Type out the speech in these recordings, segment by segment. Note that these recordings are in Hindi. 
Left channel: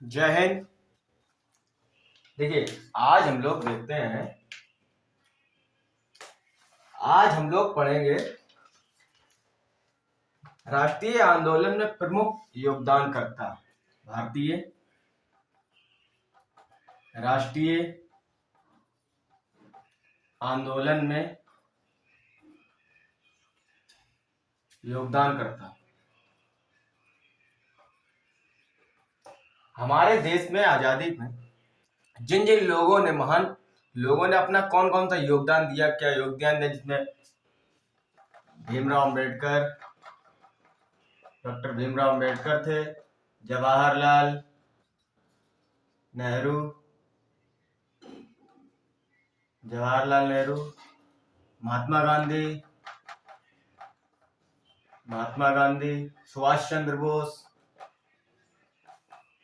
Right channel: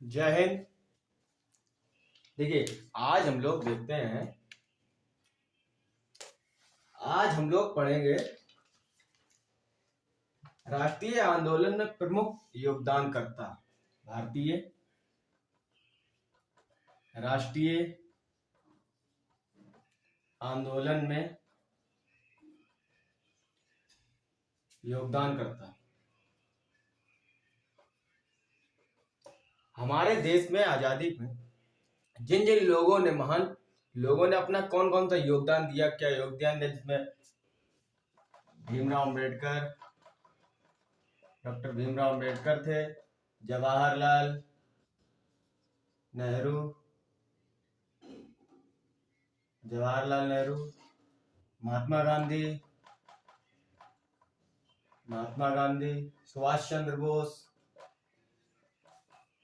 जय हिंद। देखिए, आज हम लोग देखते हैं, आज हम लोग पढ़ेंगे राष्ट्रीय आंदोलन में प्रमुख योगदानकर्ता। भारतीय राष्ट्रीय आंदोलन में योगदानकर्ता। हमारे देश में आजादी में जिन जिन लोगों ने, महान लोगों ने अपना कौन कौन सा योगदान दिया, क्या योगदान दिया, जिसमें भीमराव अंबेडकर, डॉक्टर भीमराव अंबेडकर थे, जवाहरलाल नेहरू, महात्मा गांधी, सुभाष चंद्र बोस,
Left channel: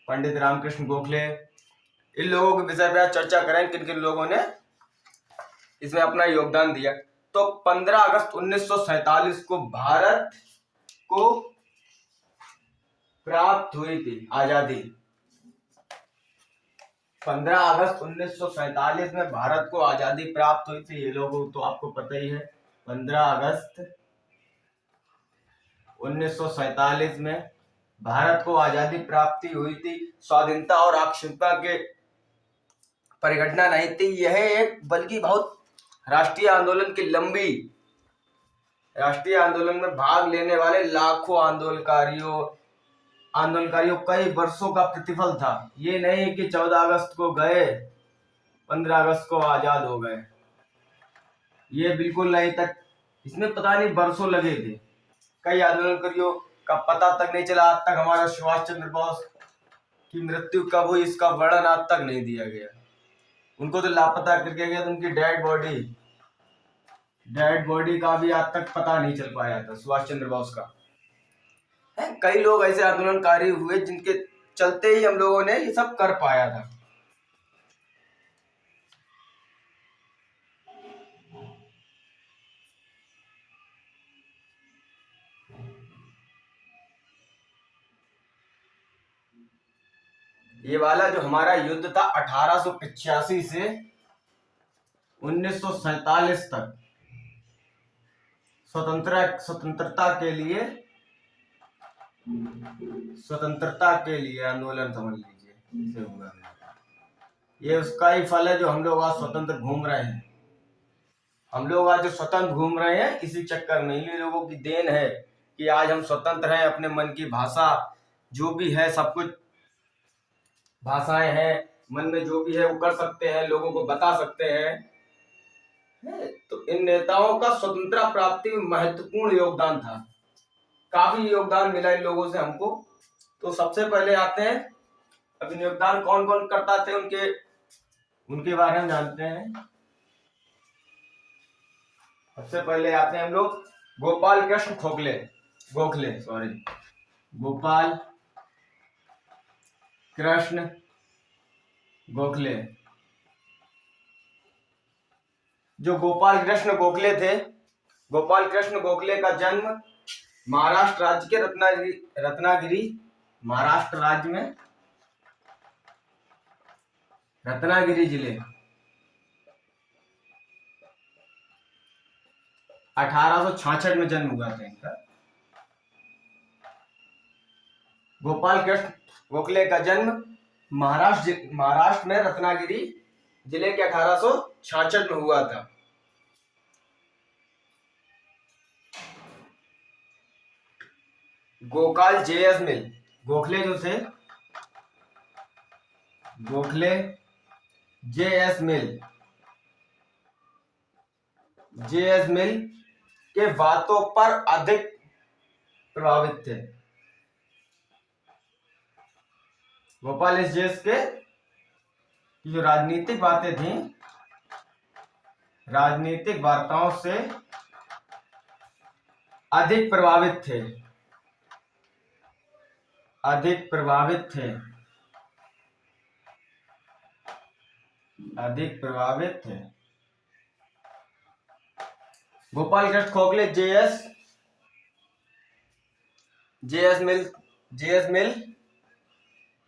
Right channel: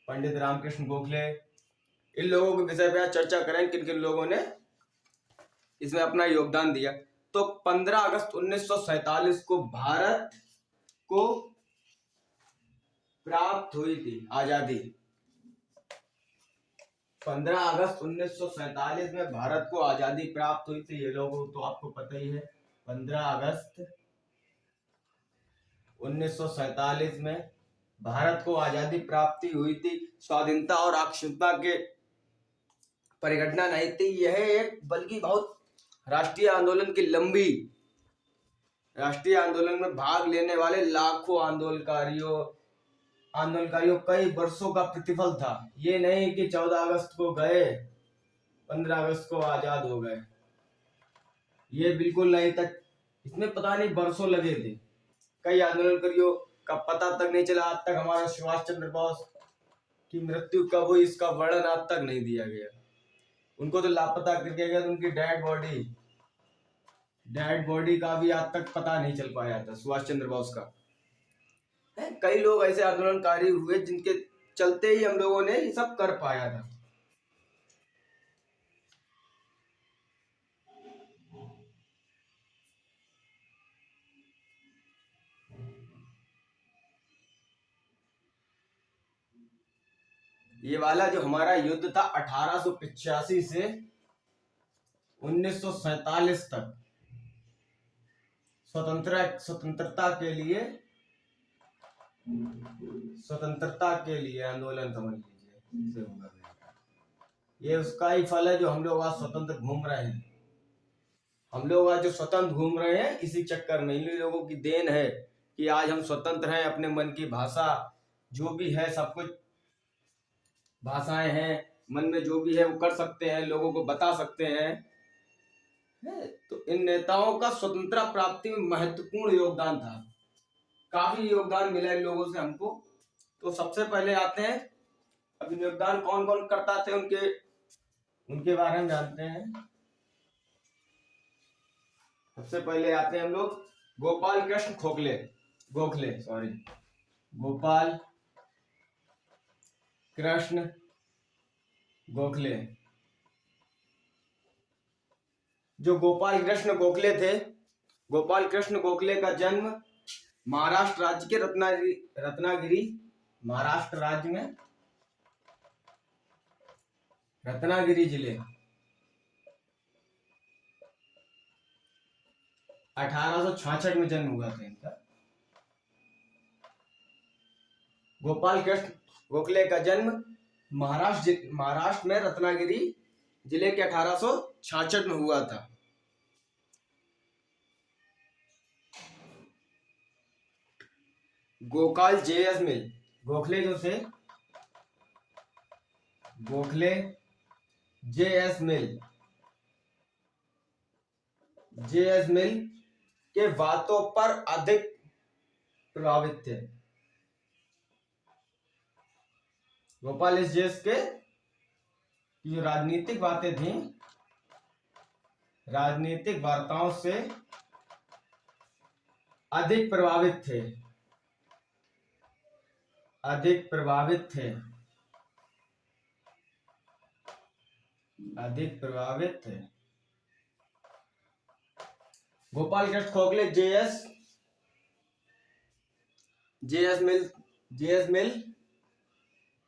पंडित रामकृष्ण गोखले। इन लोगों के विषय में आज चर्चा करें, किन किन लोगों ने इसमें अपना योगदान दिया। तो 15 अगस्त 1947 को भारत को प्राप्त हुई थी आजादी। 15 अगस्त 1947 में भारत को आजादी प्राप्त हुई थी। ये लोगों तो आपको पता ही है। 15 अगस्त 1947 में भारत को आजादी प्राप्ति हुई थी। स्वाधीनता और अखंडता के परिघटना नहीं थी यह एक, बल्कि बहुत राष्ट्रीय आंदोलन की लंबी, राष्ट्रीय आंदोलन में भाग लेने वाले लाखों आंदोलनकारियों कई वर्षों का प्रतिफल था। ये नहीं कि 14 अगस्त को गए, 15 अगस्त को आजाद हो गए, ये बिल्कुल नहीं था। इसमें पता नहीं वर्षों लगे थे। कई आंदोलनकारियों का पता तक नहीं चला। आज तक हमारा सुभाष चंद्र बोस की मृत्यु कब हुई, इसका वर्णन आज तक नहीं दिया गया। उनको तो लापता करके गया, तो उनकी डेड बॉडी का भी आज तक पता नहीं चल पाया था, सुभाष चंद्र बोस का। कई लोग ऐसे आंदोलनकारी हुए जिनके चलते ही हम लोगों ने ये सब कर पाया था। ये वाला जो हमारा युद्ध था 1885 से 1947 तक, स्वतंत्रता के लिए आंदोलन समझ लीजिए, इसे हुआ। ये उसका ही फल है जो हम लोग आज स्वतंत्र घूम रहे हैं। हम लोग आज जो स्वतंत्र घूम रहे हैं, इसी चक्कर में ये लोगों की देन है कि आज हम स्वतंत्र हैं। अपने मन की भाषा जो भी है, सब कुछ भाषाएं हैं, मन में जो भी है वो कर सकते हैं, लोगों को बता सकते हैं। तो इन नेताओं का स्वतंत्रता प्राप्ति में महत्वपूर्ण योगदान था। काफी योगदान मिला इन लोगों से हमको। तो सबसे पहले आते हैं, अब योगदान कौन कौन करता थे उनके बारे में जानते हैं। सबसे पहले आते हैं हम लोग गोपाल कृष्ण गोखले। जो गोपाल कृष्ण गोखले थे, गोपाल कृष्ण गोखले का जन्म महाराष्ट्र राज्य के रत्नागिरी, महाराष्ट्र राज्य में रत्नागिरी जिले 1866 में जन्म हुआ था इनका। गोपाल कृष्ण गोखले का जन्म महाराष्ट्र में रत्नागिरी जिले के 1866 में हुआ था। गोपाल जेएस मिल, गोखले जो थे, गोखले जेएस मिल के बातों पर अधिक प्रभावित थे। गोपाल जेएस के जो राजनीतिक बातें थी, राजनीतिक वार्ताओं से अधिक प्रभावित थे। गोपाल कृष्ण गोखले जेएस मिल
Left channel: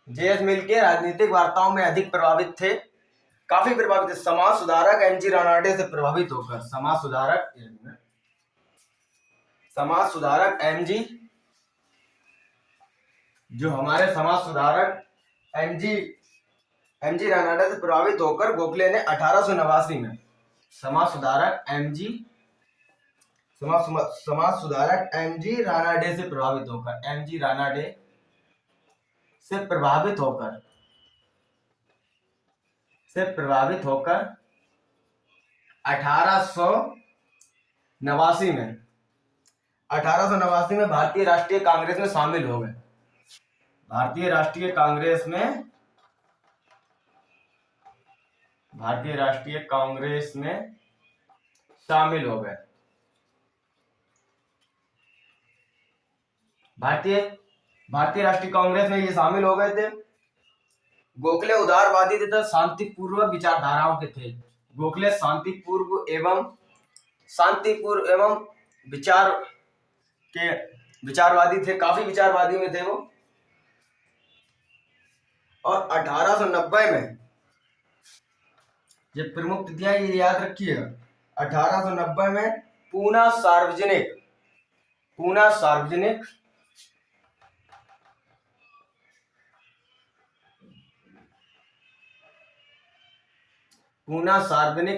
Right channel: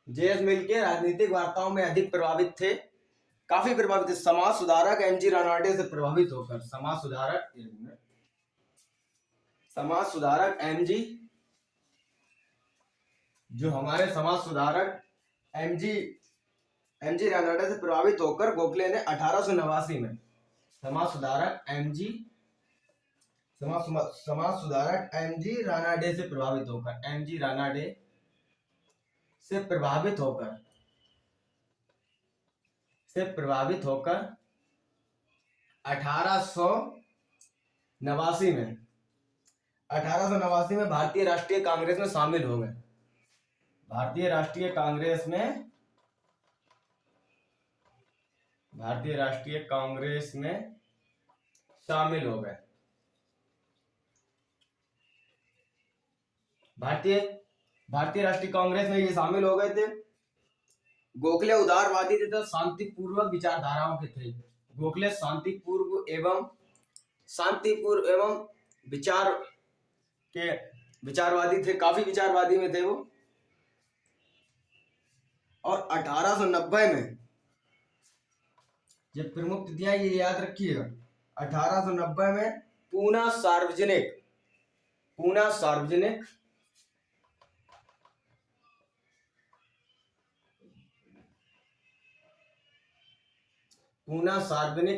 जेएस मिल के राजनीतिक वार्ताओं में अधिक प्रभावित थे, काफी प्रभावित थे। समाज सुधारक एमजी रानाडे से प्रभावित होकर, समाज सुधारक एमजी, जो हमारे समाज सुधारक एमजी रानाडे से प्रभावित होकर गोखले ने 1889 में समाज सुधारक एमजी रानाडे से प्रभावित होकर, एमजी रानाडे से प्रभावित होकर 1889 में भारतीय राष्ट्रीय कांग्रेस में शामिल हो गए। भारतीय राष्ट्रीय कांग्रेस में शामिल हो गए। भारतीय राष्ट्रीय कांग्रेस में ये शामिल हो गए थे। गोखले उदारवादी तथा शांतिपूर्व विचारधाराओं के थे। गोखले शांतिपूर्व एवं विचारवादी थे, काफी विचारवादी में थे वो। और 1890 में ये प्रमुख तिथियां ये याद रखिएगा। 1890 में पूना सार्वजनिक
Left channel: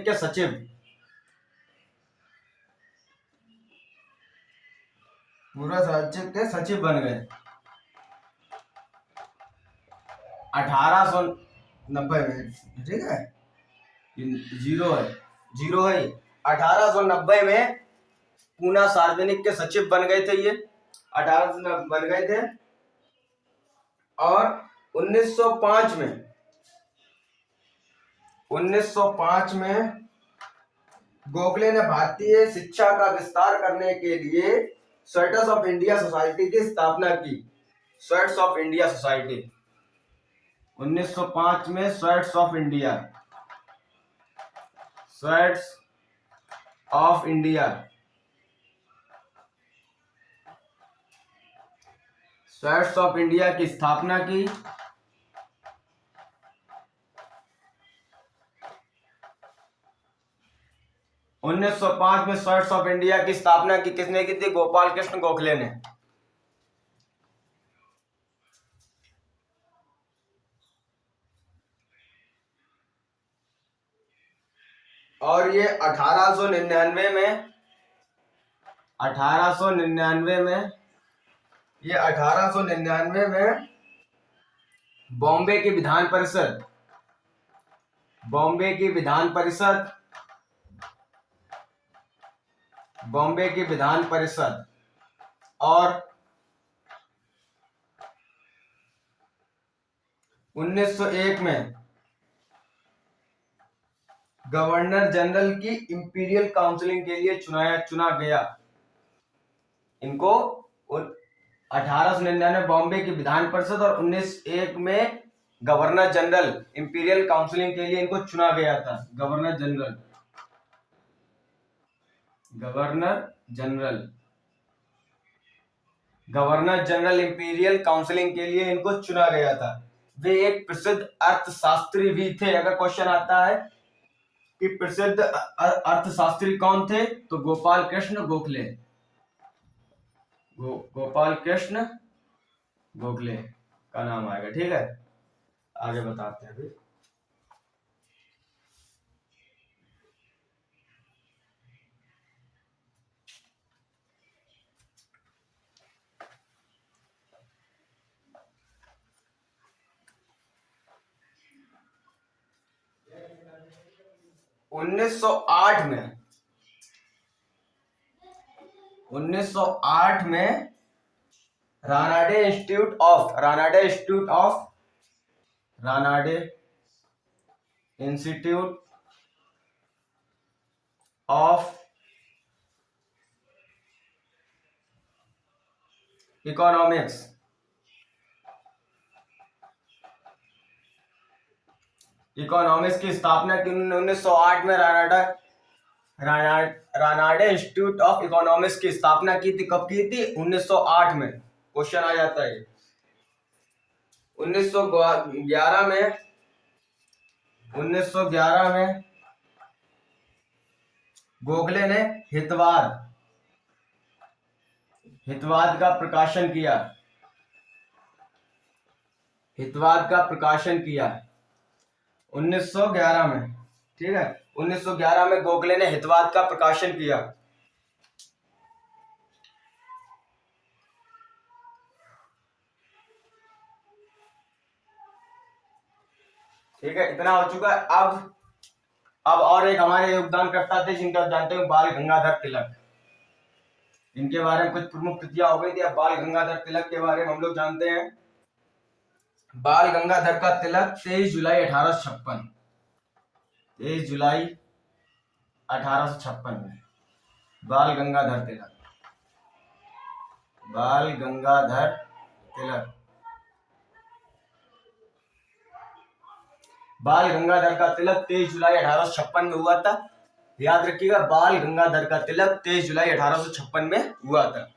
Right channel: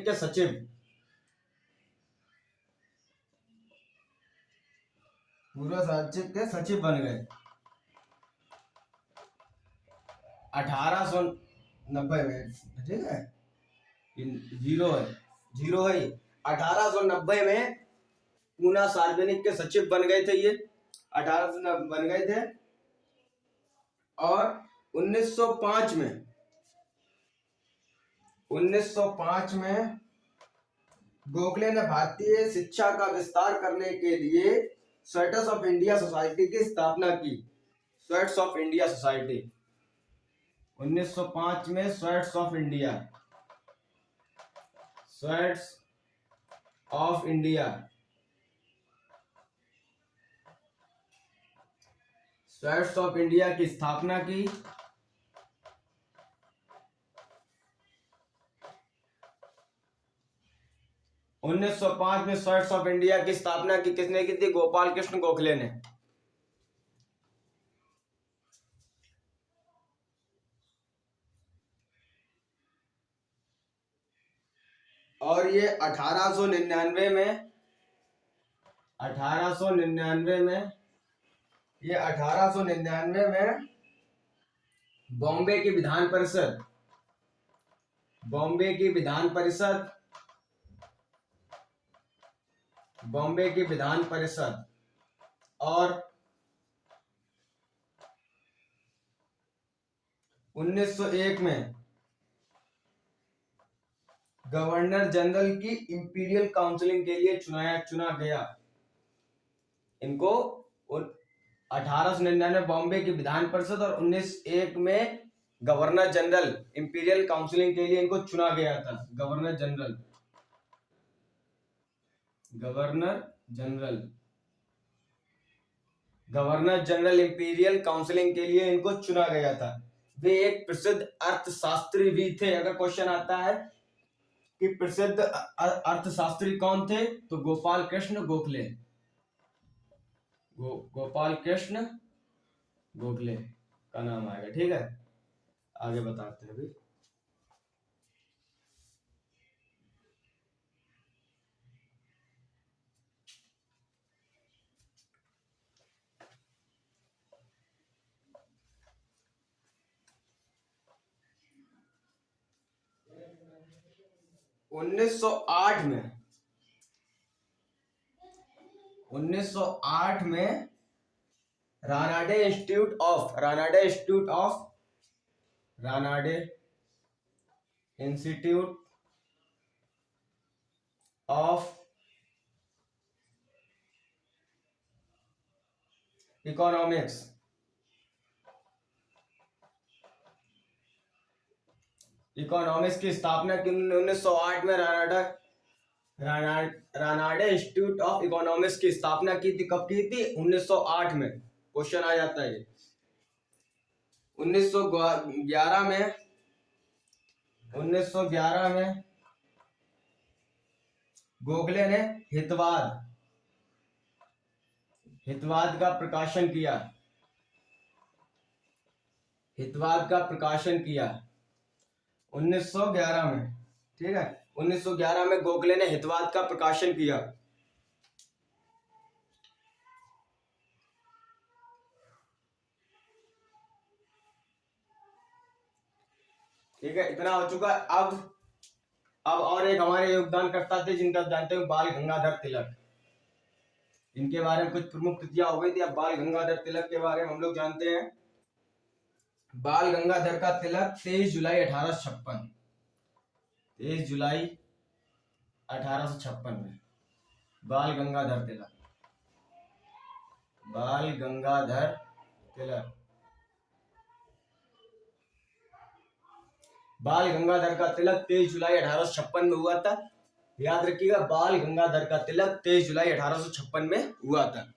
के सचिव बन गए 1890 में, ठीक है, जीरो है। 1890 में पूना सार्वजनिक के सचिव बन गए थे ये, 1890 बन गए थे। और 1905 में गोखले ने भारतीय शिक्षा का विस्तार करने के लिए स्वेट्स ऑफ इंडिया सोसाइटी की स्थापना की। स्वेट्स ऑफ इंडिया सोसाइटी 1905 में स्वेट्स ऑफ इंडिया की स्थापना की। उन्नीस सौ पांच में स्वेट्स ऑफ इंडिया की स्थापना की किसने की थी? गोपाल कृष्ण गोखले ने। और ये 1899 में बॉम्बे की विधान परिषद और 1901 में गवर्नर जनरल की इंपीरियल काउंसिलिंग के लिए चुना गया। इनको 1899 बॉम्बे की विधान परिषद और 1901 में गवर्नर जनरल इंपीरियल काउंसिलिंग के लिए इनको चुना गया था। गवर्नर जनरल इंपीरियल काउंसिलिंग के लिए इनको चुना गया था। वे एक प्रसिद्ध अर्थशास्त्री भी थे। अगर क्वेश्चन आता है कि प्रसिद्ध अर्थशास्त्री कौन थे, तो गोपाल कृष्ण गोखले का नाम आएगा। ठीक है, आगे बताते हैं अभी। उन्नीस सौ आठ में रानाडे इंस्टीट्यूट ऑफ इकोनॉमिक्स की स्थापना की 1908 में। रानाडे इंस्टीट्यूट ऑफ इकोनॉमिक्स की स्थापना की थी। कब की थी? 1908 में। क्वेश्चन आ जाता है 1911 में 1911 में गोखले ने हितवाद का प्रकाशन किया। हितवाद का प्रकाशन किया 1911 में। ठीक है, 1911 में गोखले ने हितवाद का प्रकाशन किया। ठीक है, इतना हो चुका है। अब और एक हमारे योगदानकर्ता थे जिनका आप जानते हो, बाल गंगाधर तिलक। इनके बारे में कुछ प्रमुख कृतियां हो गई थी। अब बाल गंगाधर तिलक के बारे में हम लोग जानते हैं। बाल गंगाधर का तिलक 23 जुलाई 1856, 23 जुलाई 1856 में बाल गंगाधर तिलक, बाल गंगाधर तिलक। बाल गंगाधर का तिलक 23 जुलाई 1856 में हुआ था। याद रखिएगा, बाल गंगाधर का तिलक 23 जुलाई 1856 में हुआ था।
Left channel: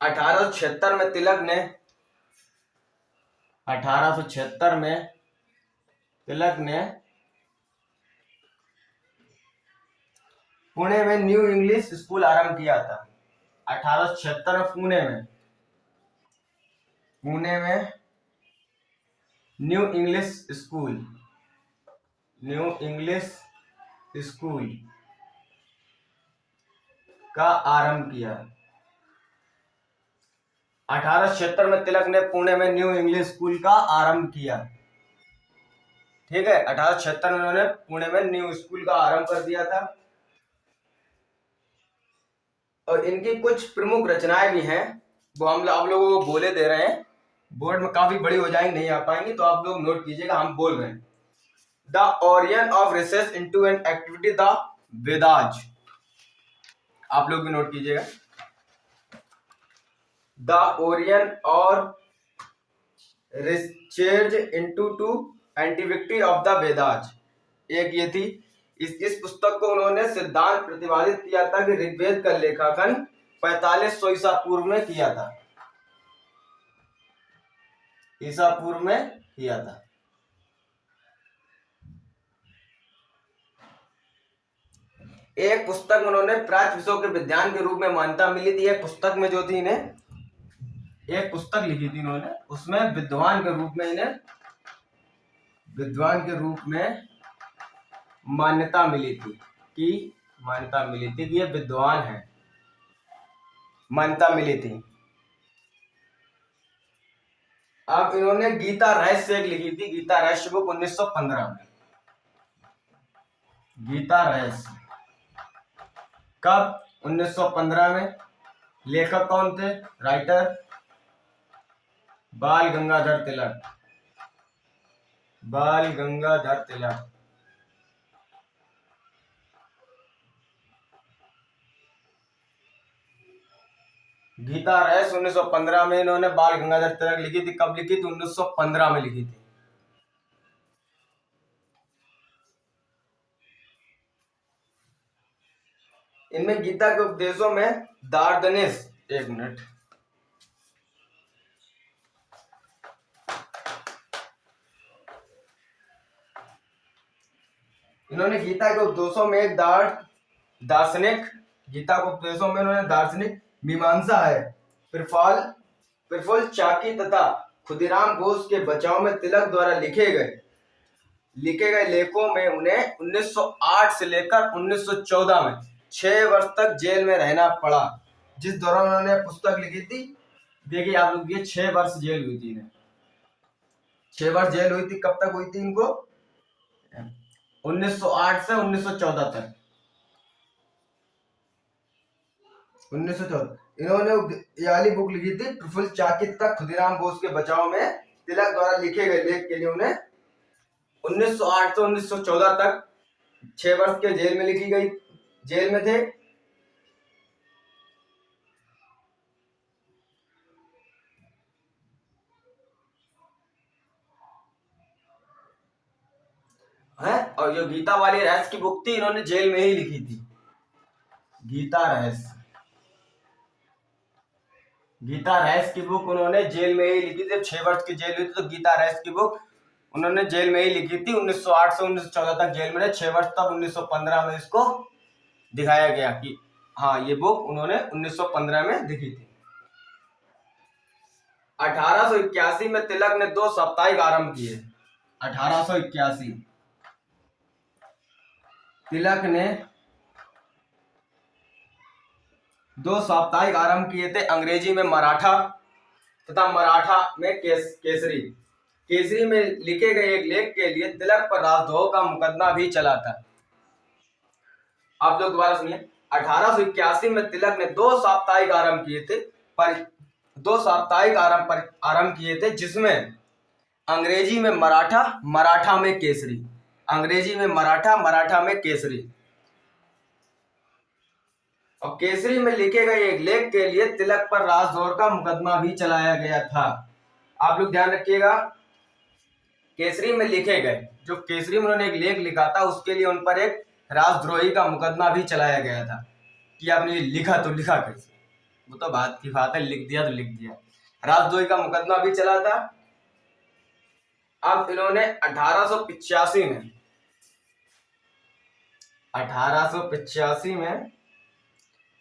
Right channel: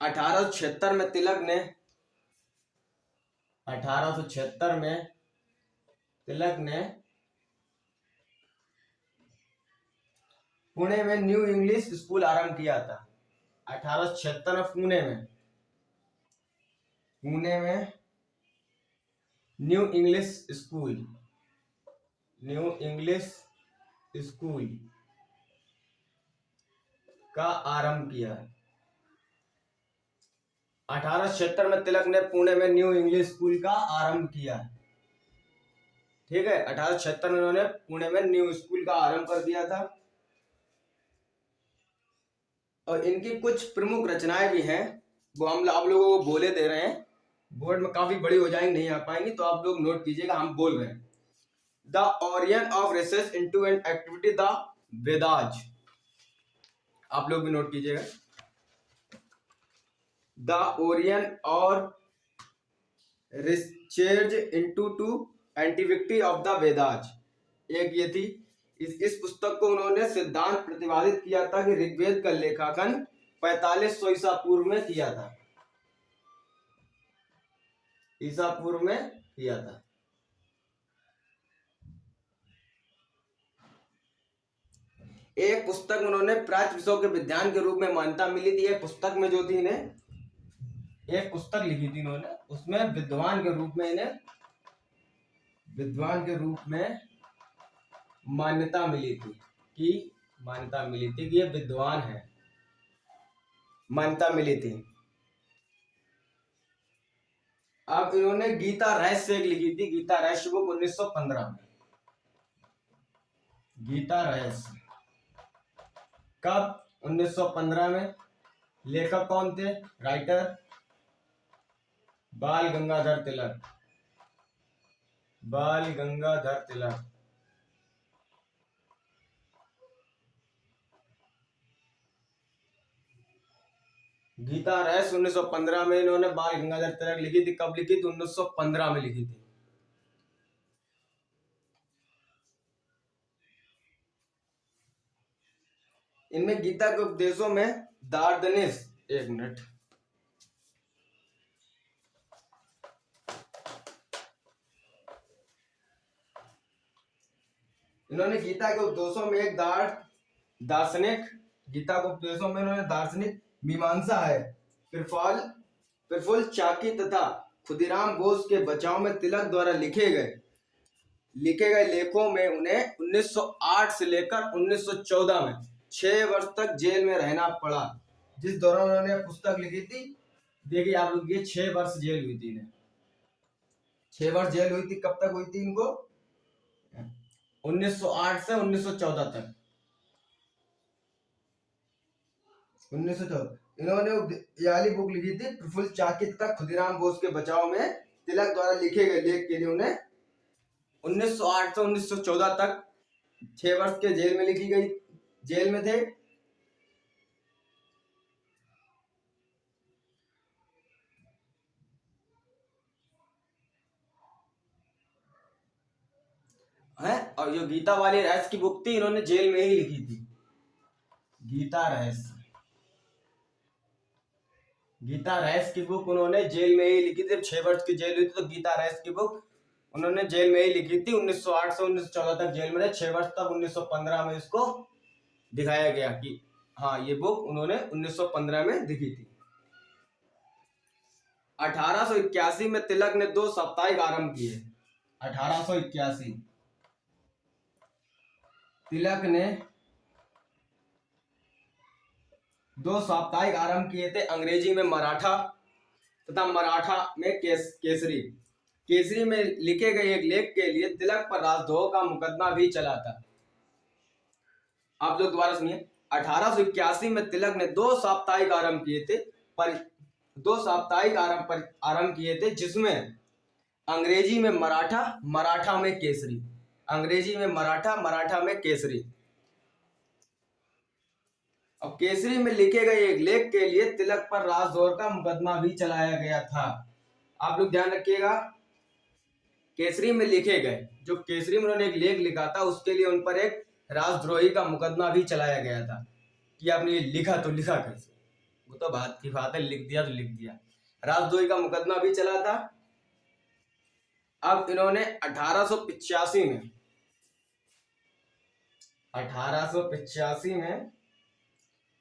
1876 में तिलक ने 1876 में तिलक ने पुणे में न्यू इंग्लिश स्कूल आरंभ किया था। 1876 में पुणे में न्यू इंग्लिश स्कूल का आरंभ किया। 1876 में तिलक ने पुणे में न्यू इंग्लिश स्कूल का आरंभ किया। ठीक है, 1876 में उन्होंने पुणे में न्यू स्कूल का आरंभ कर दिया था। और इनकी कुछ प्रमुख रचनाएं भी हैं, वो हम आप लोगों को बोले दे रहे हैं। बोर्ड में काफी बड़ी हो जाएंगी, नहीं आ पाएंगी, तो आप लोग नोट कीजिएगा, हम बोल रहे हैं। The Orion of research into an activity the Vedas, आप लोग भी नोट कीजिएगा। The Orion or research into to antiquity of the Vedas, एक ये थी। इस पुस्तक को उन्होंने सिद्धांत प्रतिपादित किया था कि ऋग्वेद का लेखांकन 4500 ईसा पूर्व में किया था। ईसा पूर्व में किया था। एक पुस्तक उन्होंने प्राच्य विषयों के विज्ञान के रूप में मान्यता मिली थी। एक पुस्तक में जो थी इन्हें, एक पुस्तक लिखी थी इन्होंने, उसमें विद्वान के रूप में मान्यता मिली थी कि ये विद्वान है, मान्यता मिली थी। अब इन्होंने गीता रहस्य एक लिखी थी, गीता रहस्य बुक 1915 में। गीता रहस्य कब? 1915 में। लेखक कौन थे? राइटर बाल गंगाधर तिलक। गीता रहस्य 1915 में इन्होंने बाल गंगाधर तिलक लिखी थी। कब लिखी थी? 1915 में लिखी थी। इनमें गीता के उपदेशों में दार्शनिक, एक मिनट, इन्होंने गीता के उपदेशों में एक दार्शनिक, गीता के उपदेशों में इन्होंने दार्शनिक मीमांसा है, प्रफुल्ल चाकी तथा खुदीराम बोस के बचाव में तिलक द्वारा लिखे गए लेखों में उन्हें 1908 से लेकर 1914 में 6 वर्ष तक जेल में रहना पड़ा। जिस दौरान उन्होंने पुस्तक लिखी थी, देखिए आप लोग, ये 6 वर्ष जेल हुई थी इन्हें। 6 वर्ष जेल हुई थी। कब तक हुई थी इनको? 1908 से 1914 तक। 1914 इन्होंने ये वाली बुक लिखी थी, प्रफुल्ल चाकी तथा खुदीराम बोस के बचाव में तिलक द्वारा लिखे गए लेख के लिए उन्हें 1908 से 1914 तक 6 वर्ष के जेल में लिखी गई, जेल में थे। और जो गीता वाली रहस्य की बुक थी, इन्होंने जेल में ही लिखी थी, गीता रहस्य। गीता रैस की बुक उन्होंने जेल में ही लिखी थी। 6 वर्ष की जेल हुई थी तो गीता रैस की बुक उन्होंने जेल में ही लिखी थी। 1908 से 1914 तक जेल में रहे, 6 वर्ष, तब 1915 में इसको दिखाया गया कि हाँ ये बुक उन्होंने 1915 में लिखी थी। 1881 में तिलक ने 2 साप्ताहिक आरंभ किए। 1881 तिलक ने 2 साप्ताहिक आरंभ किए थे, अंग्रेजी में मराठा तथा मराठा में केसरी। केसरी में लिखे गए एक लेख के लिए तिलक पर राजद्रोह का मुकदमा भी चला था। आप लोग दोबारा सुनिए। 1881 में तिलक ने 2 साप्ताहिक आरंभ किए थे, पर 2 साप्ताहिक आरंभ किए थे, जिसमें अंग्रेजी में मराठा, मराठा में केसरी, अंग्रेजी में मराठा, मराठा में केसरी। और केसरी में लिखे गए एक लेख के लिए तिलक पर राजद्रोह का मुकदमा भी चलाया गया था। आप लोग ध्यान रखिएगा, केसरी में लिखे गए, जो केसरी में उन्होंने एक लेख लिखा था उसके लिए उन पर एक राजद्रोही का मुकदमा भी चलाया गया था कि आपने ये लिखा तो लिखा कैसे, वो तो बात की बात है, लिख दिया तो लिख दिया। राजद्रोही का मुकदमा भी चला था। अब इन्होंने 1885 में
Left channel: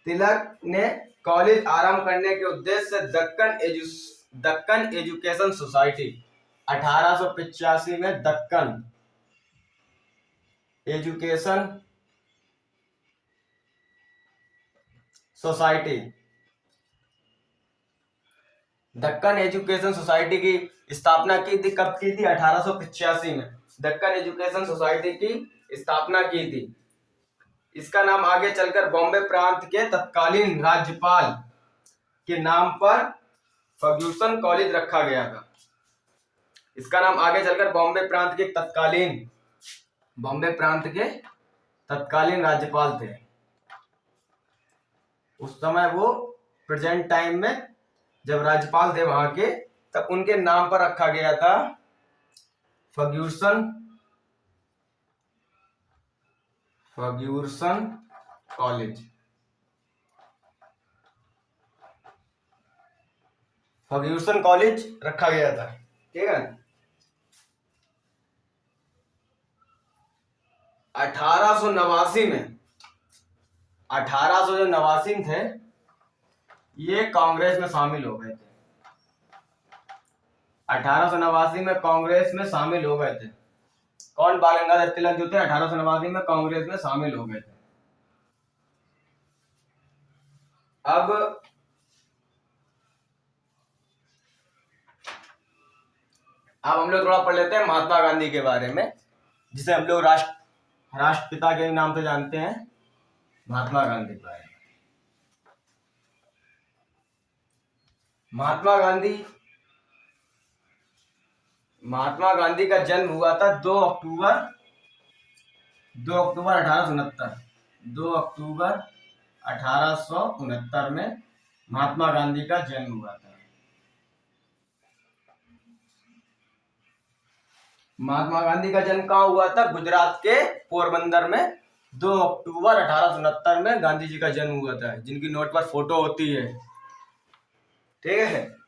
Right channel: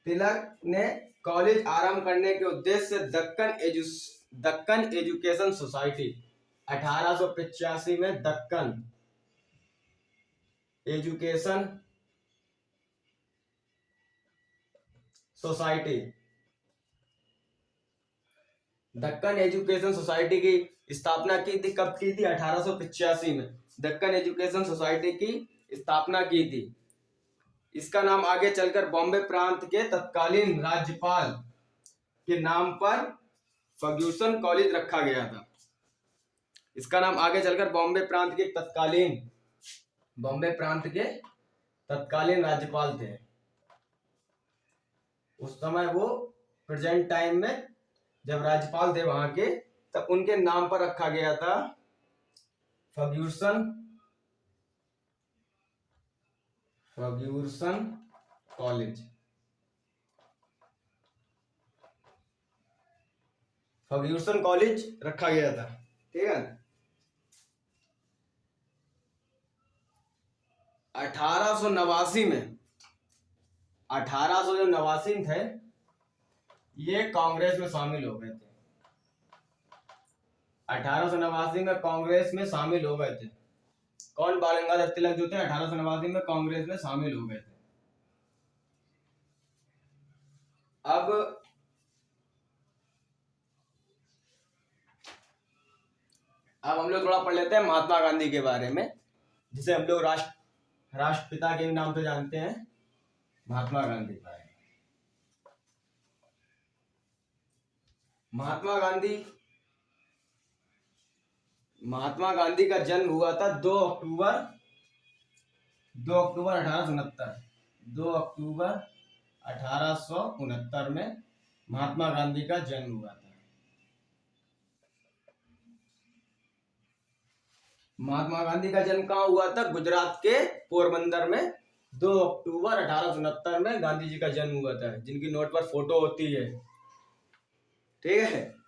तिलक ने कॉलेज आरंभ करने के उद्देश्य से दक्कन एजुकेशन सोसाइटी, 1885 में Deccan education society, Deccan education society की स्थापना की थी। कब की थी? 1885 में दक्कन एजुकेशन सोसाइटी की स्थापना की थी। इसका नाम आगे चलकर बॉम्बे प्रांत के तत्कालीन राज्यपाल के नाम पर फर्ग्यूसन कॉलेज रखा गया था। इसका नाम आगे चलकर बॉम्बे प्रांत के तत्कालीन राज्यपाल थे उस समय, वो प्रेजेंट टाइम में जब राज्यपाल थे वहां के, तब उनके नाम पर रखा गया था फर्ग्यूसन कॉलेज। फर्ग्यूसन कॉलेज रखा गया था, ठीक है। 1889 में 1889 थे, ये कांग्रेस में शामिल हो गए थे। 1889 में कांग्रेस में शामिल हो गए थे। कौन? बाल गंगाधर तिलक जो थे 1889 में कांग्रेस में शामिल हो गए थे। अब हम लोग थोड़ा पढ़ लेते हैं महात्मा गांधी के बारे में, जिसे हम लोग राष्ट्रपिता के नाम से जानते हैं, महात्मा गांधी के बारे में। महात्मा गांधी का जन्म हुआ था 2 अक्टूबर 1869। 2 अक्टूबर 1869 में महात्मा गांधी का जन्म हुआ था। महात्मा गांधी का जन्म कहाँ हुआ था? गुजरात के पोरबंदर में 2 अक्टूबर 1869 में गांधी जी का जन्म हुआ था, जिनकी नोट पर फोटो होती है, ठीक है।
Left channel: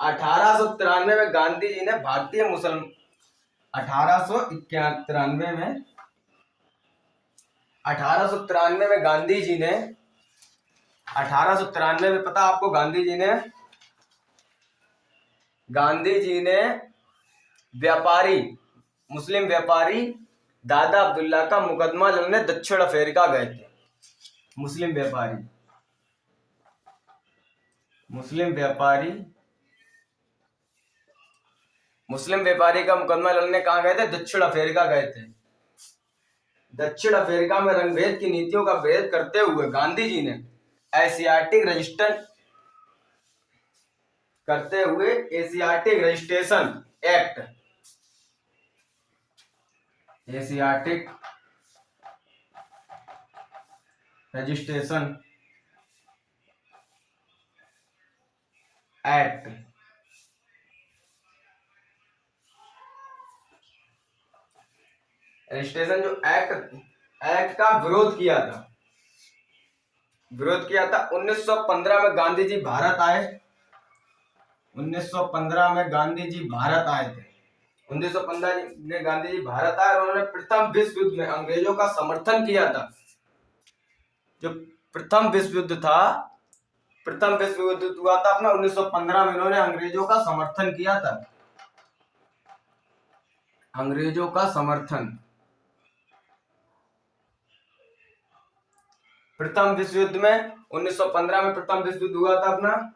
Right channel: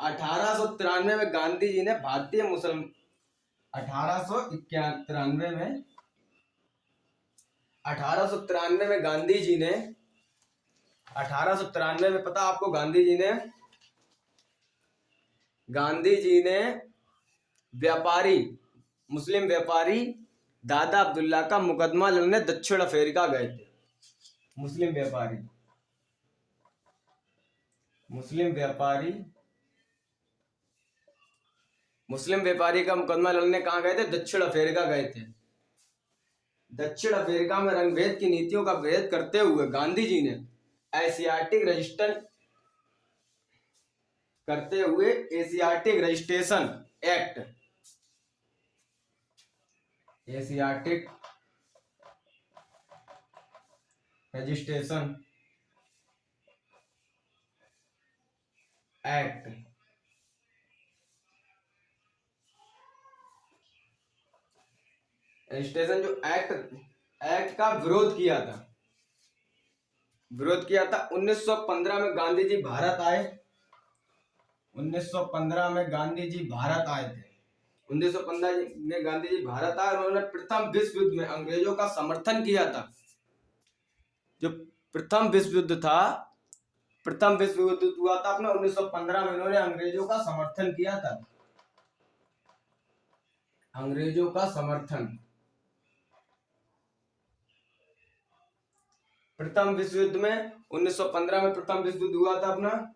1893 में गांधी जी ने भारतीय मुसलमान 1893 में 1893 में गांधी जी ने 1893 में पता आपको गांधी जी ने मुस्लिम व्यापारी दादा अब्दुल्ला का मुकदमा लड़ने दक्षिण अफ्रीका गए थे। मुस्लिम व्यापारी का मुकदमा लड़ने कहाँ गए थे? दक्षिण अफ्रीका गए थे। दक्षिण अफ्रीका में रंगभेद की नीतियों का विरोध करते हुए गांधी जी ने एशियाटिक रजिस्ट्रेशन एक्ट रजिस्ट्रेशन जो एक्ट का विरोध किया था। विरोध किया था। 1915 में गांधी जी भारत आए। 1915 में गांधी जी भारत आए थे। 1915 में गांधी जी भारत आए और उन्होंने प्रथम विश्व युद्ध में अंग्रेजों का समर्थन किया था। जो प्रथम विश्व युद्ध था, प्रथम विश्व युद्ध हुआ था अपना 1915 में, इन्होंने अंग्रेजों का समर्थन किया था। अंग्रेजों का समर्थन। प्रथम विश्व युद्ध में 1915 में प्रथम विश्व युद्ध हुआ था अपना।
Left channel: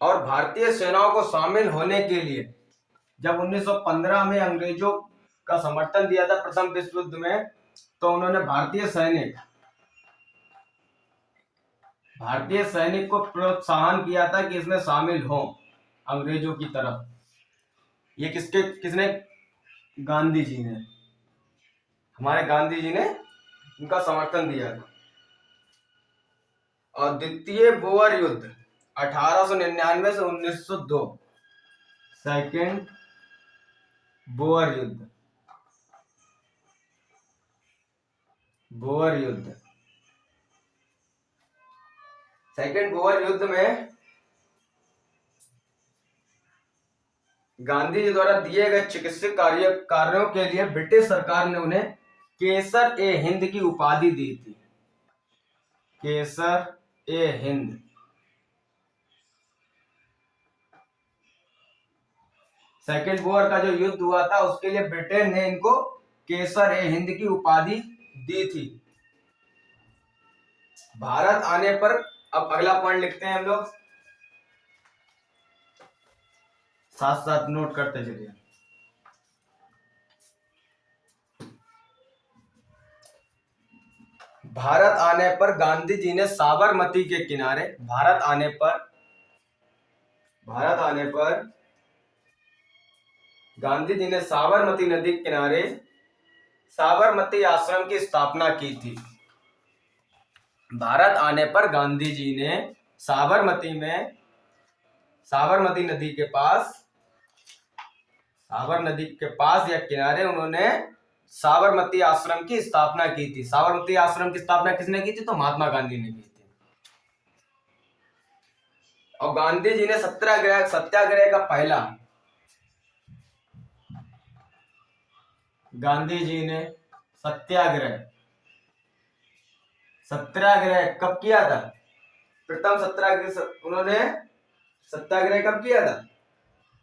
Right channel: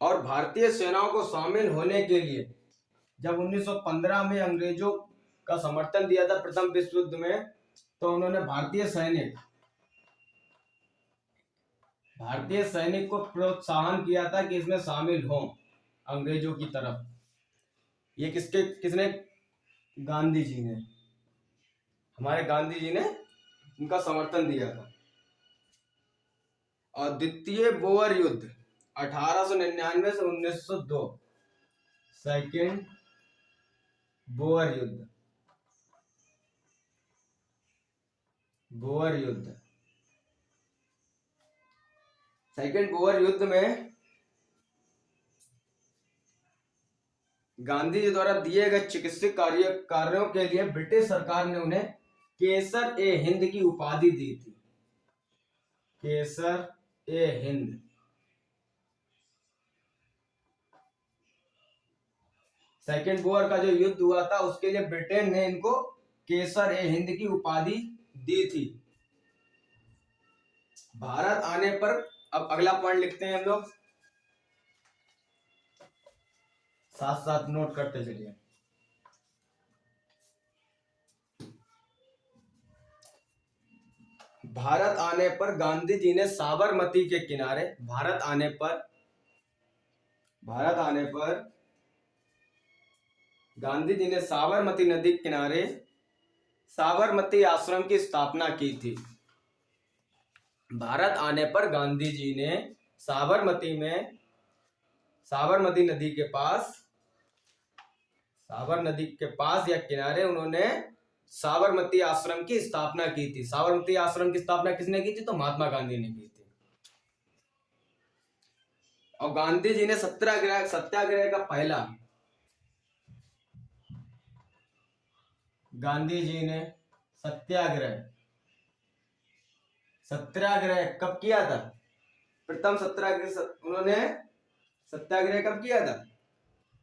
और भारतीय सेनाओं को शामिल होने के लिए जब 1915 में अंग्रेजों का समर्थन दिया था प्रथम विश्व युद्ध में, तो उन्होंने भारतीय सैनिक को प्रोत्साहन किया था कि इसमें शामिल हो अंग्रेजों की तरफ। ये किसने? गांधी जी ने, हमारे गांधी जी ने उनका समर्थन दिया था। और द्वितीय बोअर युद्ध 1899 से 1902, सेकेंड बोअर युद्ध। सेकेंड बोअर युद्ध में गांधी जी द्वारा दिए गए चिकित्सक कार्यों के लिए ब्रिटिश सरकार ने उन्हें केसर ए हिंद की उपाधि दी थी। केसर ए हिंद। सेकेंड बोअर का जो युद्ध हुआ था उसके लिए ब्रिटेन ने इनको केसर ए हिंद की उपाधि दी थी। भारत आने पर, अब अगला पॉइंट लिखते हैं हम लोग, साथ साथ नोट करते चलिए। भारत आने पर गांधी जी ने साबरमती के किनारे, भारत आने पर गांधी जी ने साबरमती नदी के किनारे साबरमती आश्रम की स्थापना की थी। भारत आने पर गांधी जी ने साबरमती नदी के पास या किनारे उन्होंने साबरमती आश्रम की स्थापना की थी। साबरमती आश्रम की स्थापना किसने की थी? तो महात्मा गांधी ने की थी। और गांधी जी ने सत्याग्रह का पहला, गांधी जी ने सत्याग्रह कब किया था? प्रथम सत्याग्रह उन्होंने सत्याग्रह कब किया था?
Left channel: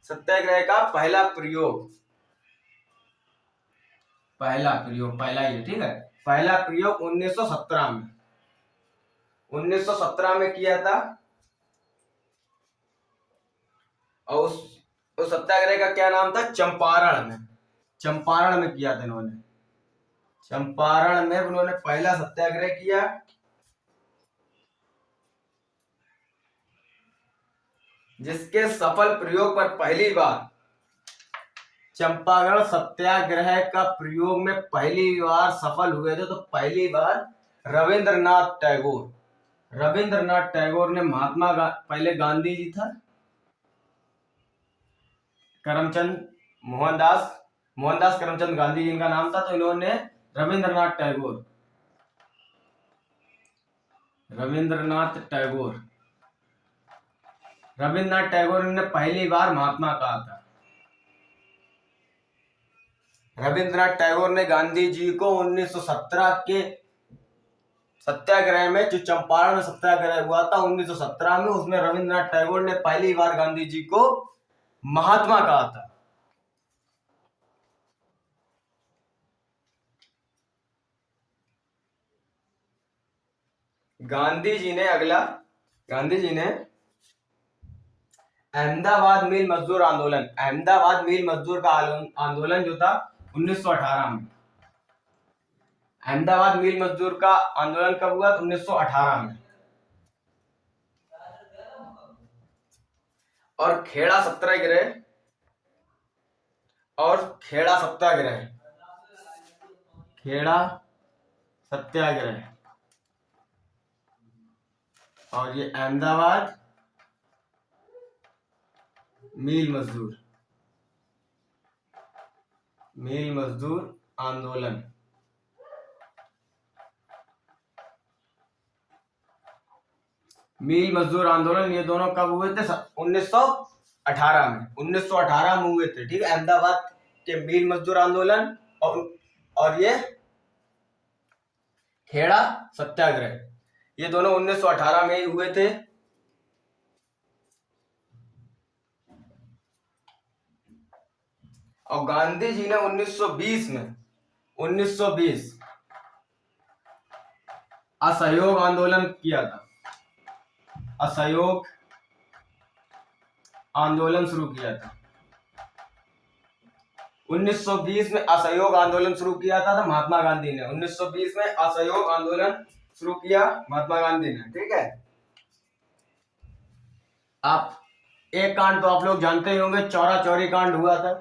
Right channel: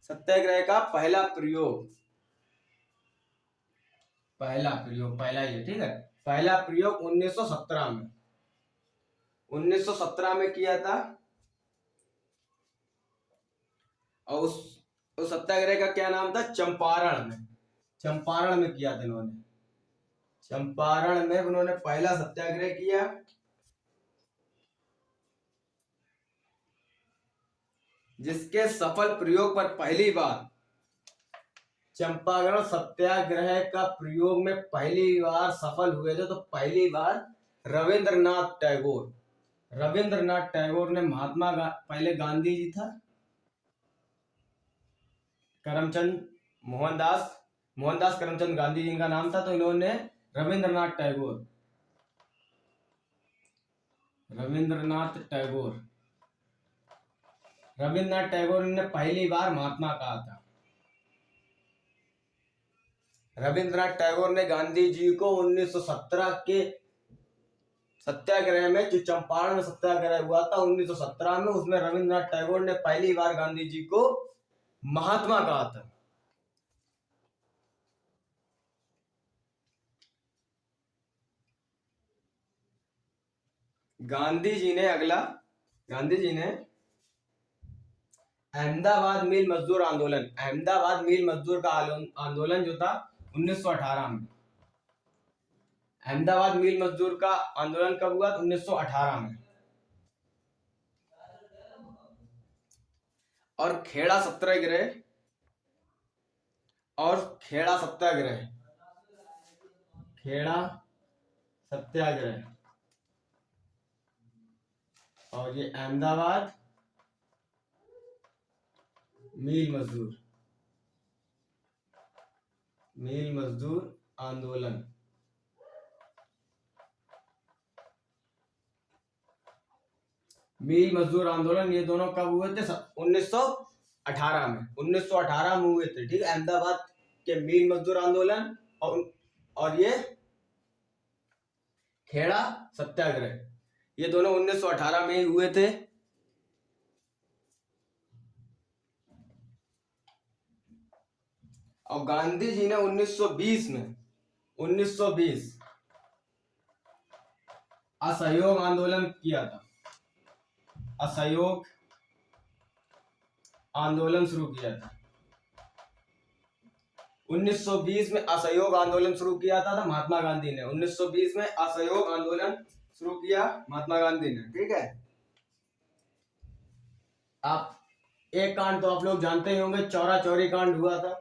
सत्याग्रह का पहला प्रयोग, ये ठीक है, पहला प्रयोग 1917 में किया था। और उस सत्याग्रह का क्या नाम था? चंपारण में किया था इन्होंने। चंपारण में उन्होंने पहला सत्याग्रह किया। जिसके सफल प्रयोग पर पहली बार, चंपारण सत्याग्रह का प्रयोग में पहली बार सफल हुए थे, तो पहली बार रविंद्रनाथ टैगोर ने पहले गांधी जी था, मोहनदास करमचंद गांधी जी इनका नाम था, तो इन्होंने रविंद्रनाथ टैगोर ने पहली बार महात्मा कहा था। रविंद्रनाथ टैगोर ने गांधी जी को 1917 के सत्याग्रह में, जो चंपारण में सत्याग्रह हुआ था 1917 में, उसमें रविंद्रनाथ टैगोर ने पहली बार गांधी जी को महात्मा कहा था। गांधी जी ने अहमदाबाद मिल मजदूर का आंदोलन जो था 1918 में, अहमदाबाद मिल मजदूर का आंदोलन कब हुआ? 1918 में। और खेड़ा सत्याग्रह और ये अहमदाबाद मिल मजदूर, मिल मजदूर आंदोलन। मिल मजदूर आंदोलन ये दोनों कब हुए थे? 1918 में। 1918 में हुए थे, ठीक है। अहमदाबाद के मिल मजदूर आंदोलन और ये खेड़ा सत्याग्रह, ये दोनों 1918 में ही हुए थे। और गांधी जी ने 1920 असहयोग आंदोलन किया था। असहयोग आंदोलन शुरू किया था। 1920 में असहयोग आंदोलन शुरू किया था महात्मा गांधी ने। 1920 में असहयोग आंदोलन शुरू किया महात्मा गांधी ने, ठीक है। आप एक कांड तो आप लोग जानते ही होंगे, चौरा चौरी कांड हुआ था।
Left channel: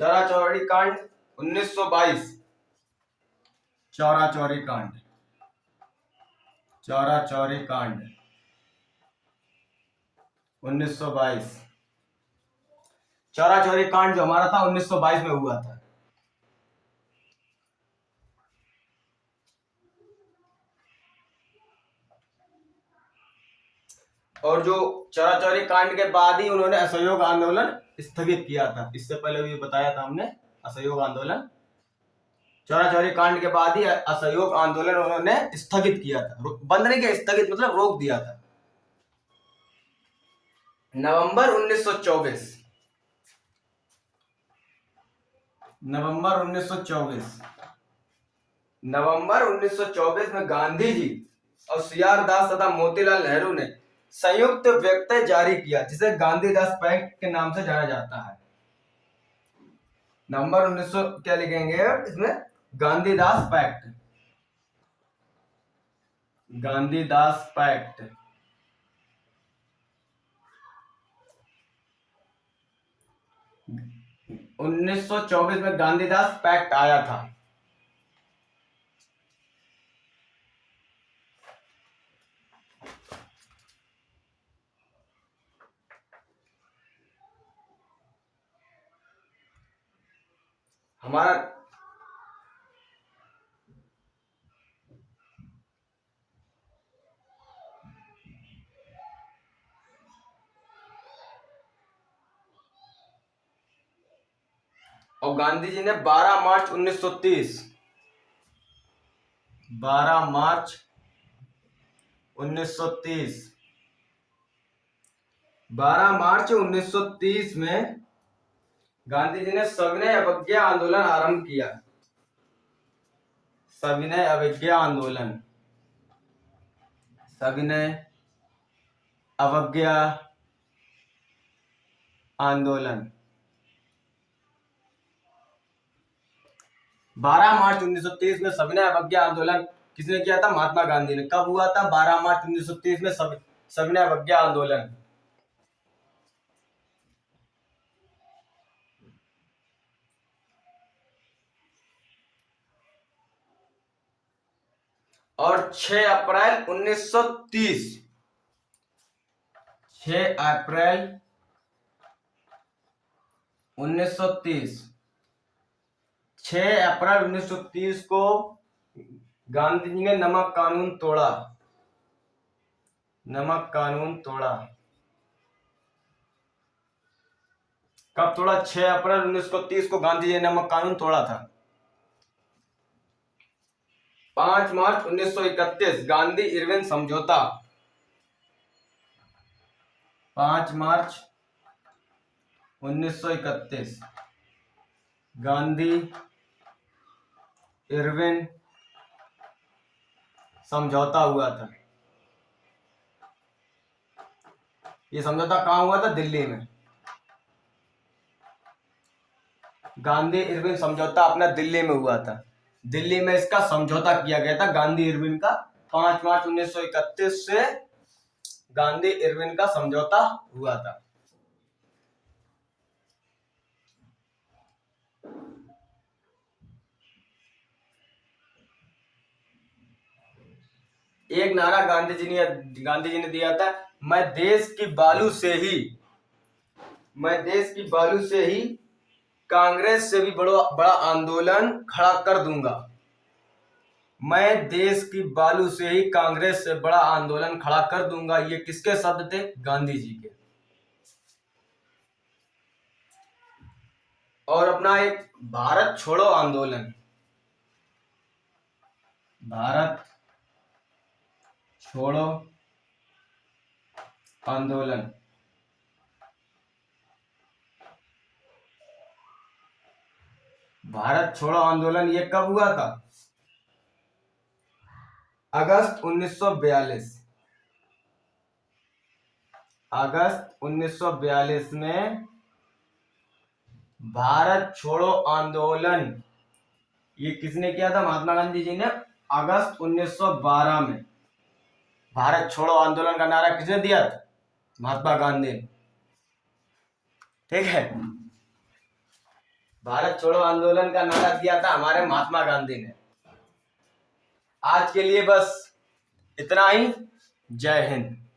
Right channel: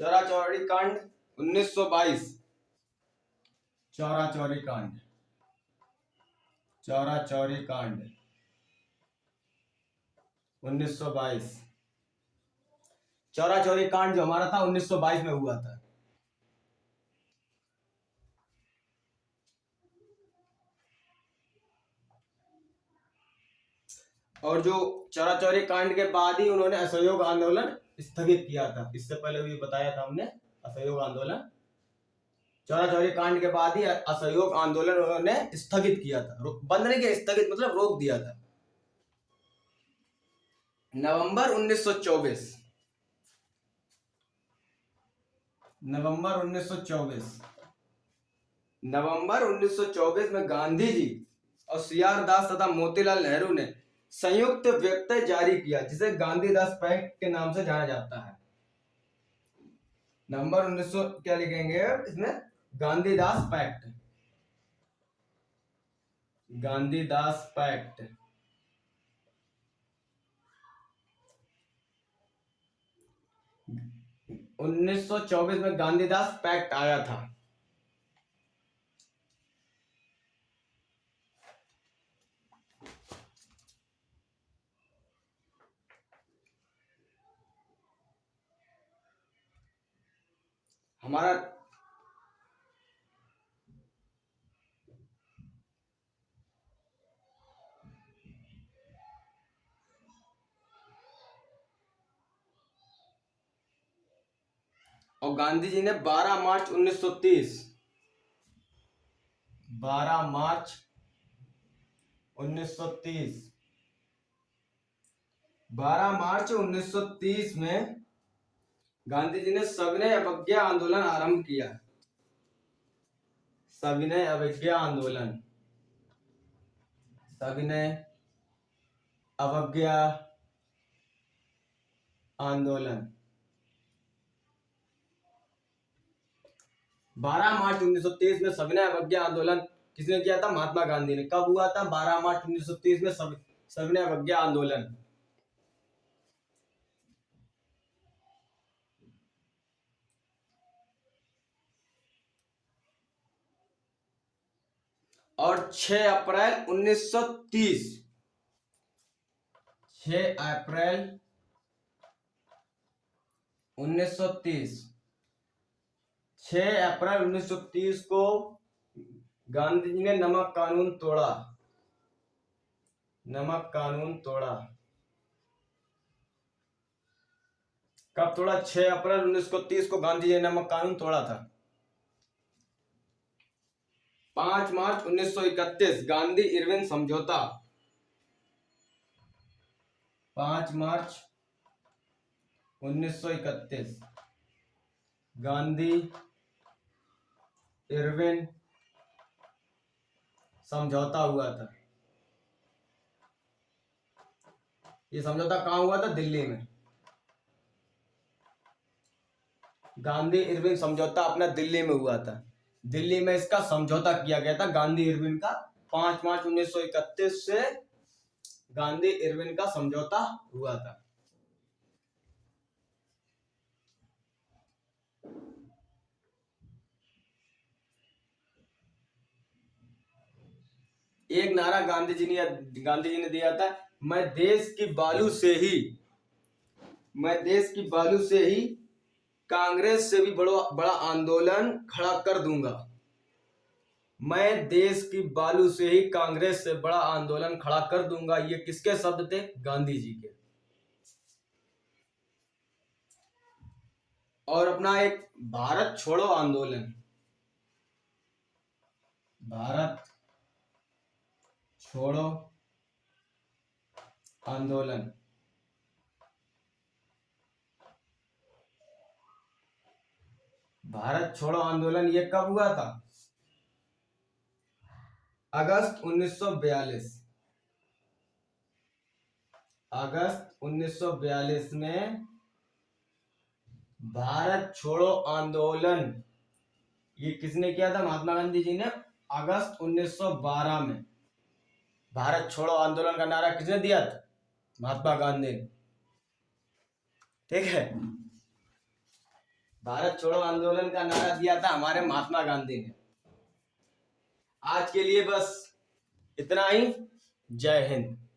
चौरा चौरी कांड 1922। चौरा चौरी कांड, चौरा चौरी कांड 1922। चौरा चौरी कांड जो हमारा था 1922 में हुआ था। और जो चौरा चौरी कांड के बाद ही उन्होंने असहयोग आंदोलन स्थगित किया था। इससे पहले भी बताया था हमने, असहयोग आंदोलन चौरा चौरी कांड के बाद ही असहयोग आंदोलन उन्होंने स्थगित किया था। बंद नहीं किया, स्थगित मतलब रोक दिया था। नवंबर 1924, नवंबर 1924 में गांधी जी और सीआर दास तथा मोतीलाल नेहरू ने संयुक्त वक्तव्य जारी किया, जिसे गांधीदास पैक्ट के नाम से जाना जाता है। नवंबर 1900 क्या लिखेंगे इसमें? गांधीदास पैक्ट, गांधीदास पैक्ट। उन्नीस सौ 24 में गांधीदास पैक्ट आया था। हमारा और गांधी जी ने 12 मार्च 1930, 12 मार्च 1930, 12 मार्च 1930 में गांधी जी ने सविनय अवज्ञा आंदोलन आरंभ किया। सविनय अवज्ञा आंदोलन, सविनय अवज्ञा आंदोलन 12 मार्च 1930 में सविनय अवज्ञा आंदोलन किसने किया था? महात्मा गांधी ने। कब हुआ था? 12 मार्च 1930 में सविनय अवज्ञा आंदोलन। और 6 अप्रैल 1930, 6 अप्रैल 1930, 6 अप्रैल 1930 को गांधी जी ने नमक कानून तोड़ा। नमक कानून तोड़ा। कब तोड़ा? 6 अप्रैल 1930 को गांधी जी ने नमक कानून तोड़ा था। 5 मार्च 1931 गांधी इरविन समझौता। 5 मार्च 1931 गांधी इरविन समझौता हुआ था। ये समझौता कहां हुआ था? दिल्ली में। गांधी इरविन समझौता अपना दिल्ली में हुआ था। दिल्ली में इसका समझौता किया गया था गांधी इरविन का। 5 मार्च 1931 से गांधी इरविन का समझौता हुआ था। एक नारा गांधी जी ने दिया था, मैं देश की बालू से ही कांग्रेस से भी बड़ा आंदोलन खड़ा कर दूंगा। मैं देश की बालू से ही कांग्रेस से बड़ा आंदोलन खड़ा कर दूंगा। ये किसके शब्द थे? गांधी जी के। और अपना एक भारत छोड़ो आंदोलन, भारत छोड़ो आंदोलन भारत छोड़ो आंदोलन ये कब हुआ था? अगस्त 1942। अगस्त 1942 में भारत छोड़ो आंदोलन ये किसने किया था? महात्मा गांधी जी ने। अगस्त 1912 में भारत छोड़ो आंदोलन का नारा किसने दिया था? महात्मा गांधी ने। ठीक है, भारत छोड़ो आंदोलन का नारा दिया था हमारे महात्मा गांधी ने। आज के लिए बस इतना ही। जय हिंद।